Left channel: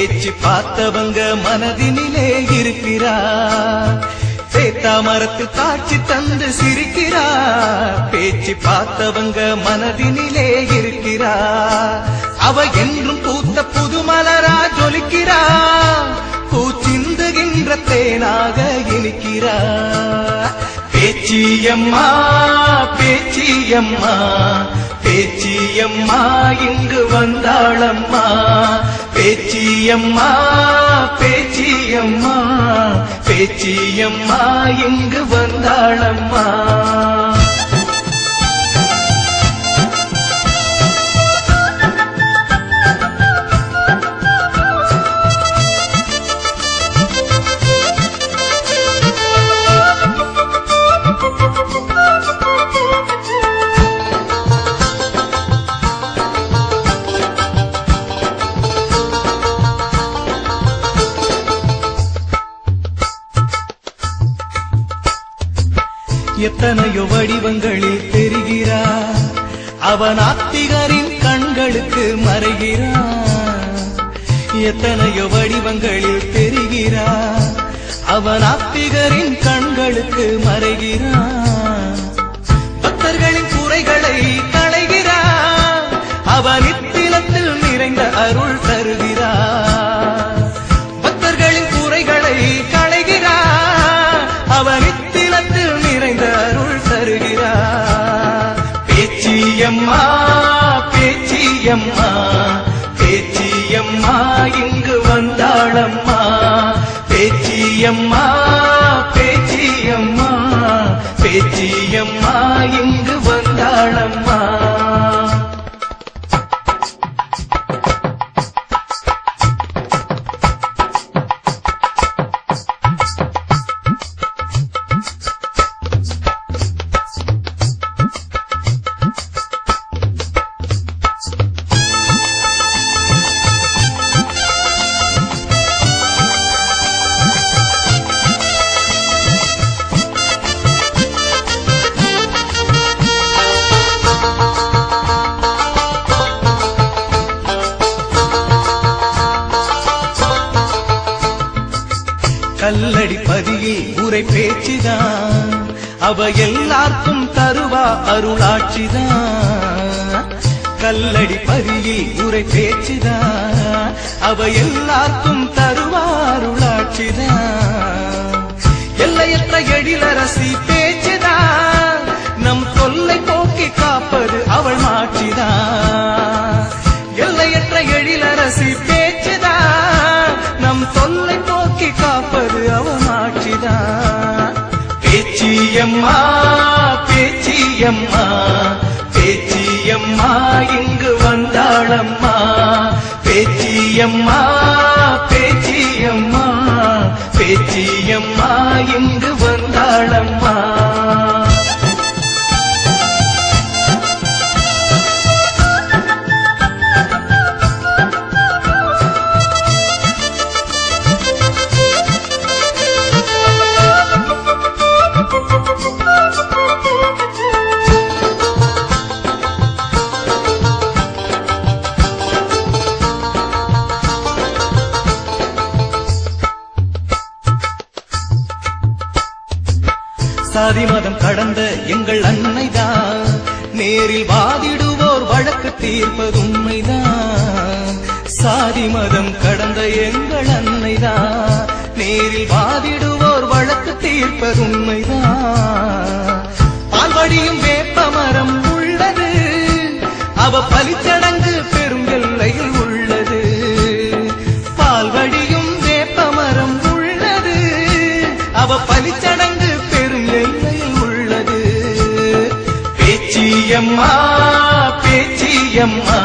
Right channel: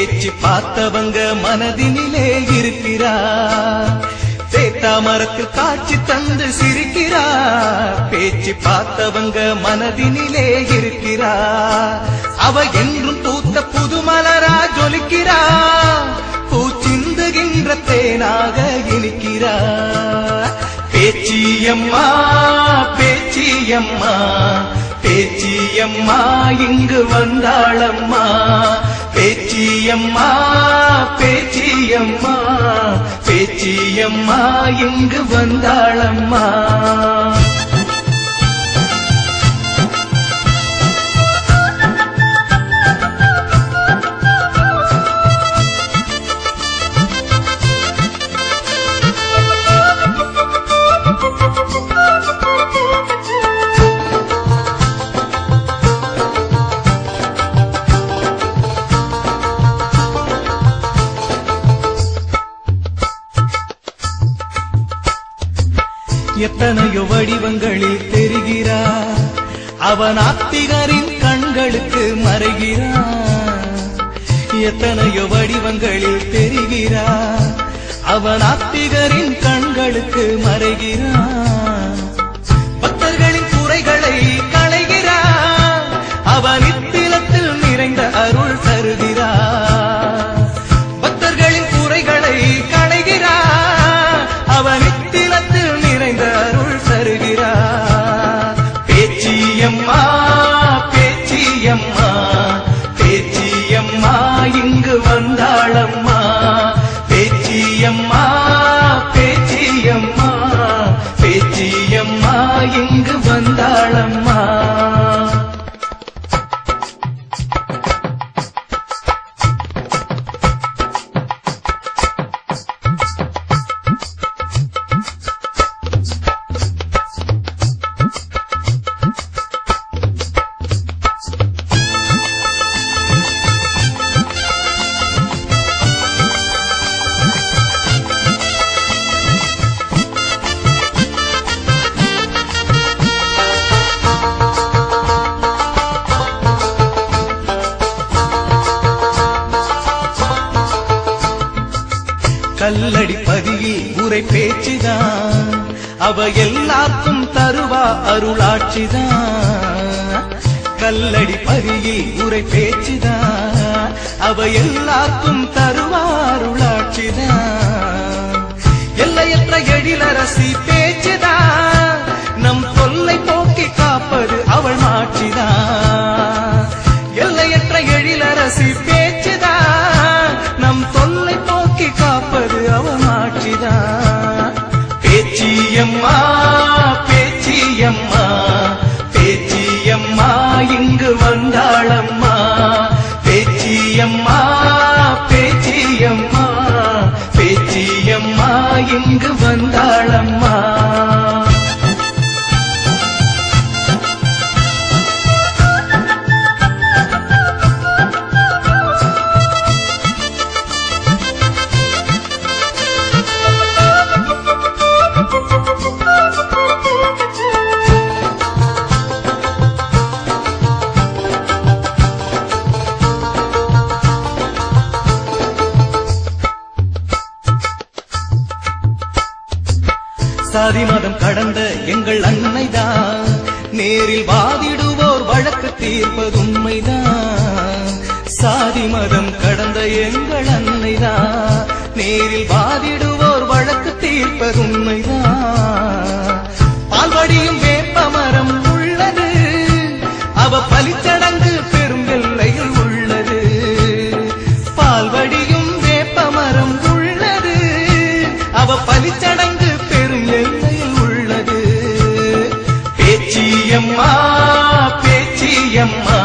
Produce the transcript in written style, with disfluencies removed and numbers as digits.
பேச்சு பார்த்தவங்க மனதினிலே இருக்கிறார். சேத்தாமரத்து காட்சி தந்து சிரிக்கிறார். பேச்சு பார்த்தவங்க மனதினிலே இருக்கிறார். அவ என்றும் பூத்த புது மலரா ஜொலிக்கிறார். பூச்சிந்துகின்ற தேனாக இனிக்கிறார். பேச்சியம்மா பேச்சியம்மா பேச்சியம்மா இங்கு வந்தாளம்மா. பேச்சியம்மா பேச்சியம்மா பேச்சியம்மா இங்கு வந்தாளம்மா. எத்தனையோ வடிவங்களில் தெரிகிறார். அவன் ஆத்திகரின் கண்களுக்கு மறைகிறார். எத்தனையோ வடிவங்களில் தெரிகிறார். அவன் ஆத்திகரின் கண்களுக்கு மறைகிறார். பக்தர்களின் குறைகளை களைகிறார். அவர் இத்திலத்தில் நிறைந்த அருள் தருகிறார். பக்தர்களின் குறைகளை களைகிறார். அவர் இத்திலத்தில் நிறைந்த அருள் தருகிறார். பேச்சியம்மா பேச்சியம்மா பேச்சியம்மா இங்கு வந்தாளம்மா. பேச்சியம்மா பேச்சியம்மா பேச்சியம்மா இங்கு வந்தாளம்மா. கல்லடி பதியில் உரை பேச்சுதான். அவ எல்லாருக்கும் தருவா அருளாட்சிதான். கல்லடி பதியில் உரை பேச்சுதான். அவ எல்லாருக்கும் தருவா அருளாட்சிதான். எல்லையற்ற எழிலரசி பேச்சுதான். நம் தொல்லை போக்கி காப்பது அவள் ஆட்சிதான். எல்லையற்ற எழிலரசி பேச்சுதான். நம் தொல்லை போக்கி காப்பது அவள் ஆட்சிதான். பேச்சியம்மா பேச்சியம்மா பேச்சியம்மா இங்கு வந்தாளம்மா. பேச்சியம்மா பேச்சியம்மா பேச்சியம்மா இங்கு வந்தாளம்மா. சாதி மதம் கடந்த எங்கள் அன்னைதான். நேரில் வாதிடுவோர் வழக்கு தீர்ப்பது உண்மைதான். சாதி மதம் கடந்த எங்கள் அன்னைதான். நேரில் வாதிடுவோர் வழக்கு தீர்ப்பது உண்மைதான். பால்வடியும் வேப்ப மரம் உள்ளது. அவ பலிச்சடங்கு பெரும் எல்லையில் உள்ளது. பால்வடியும் வேப்ப மரம் உள்ளது. அவ பலிச்சடங்கு பேச்சியம்மா பேச்சியம்மா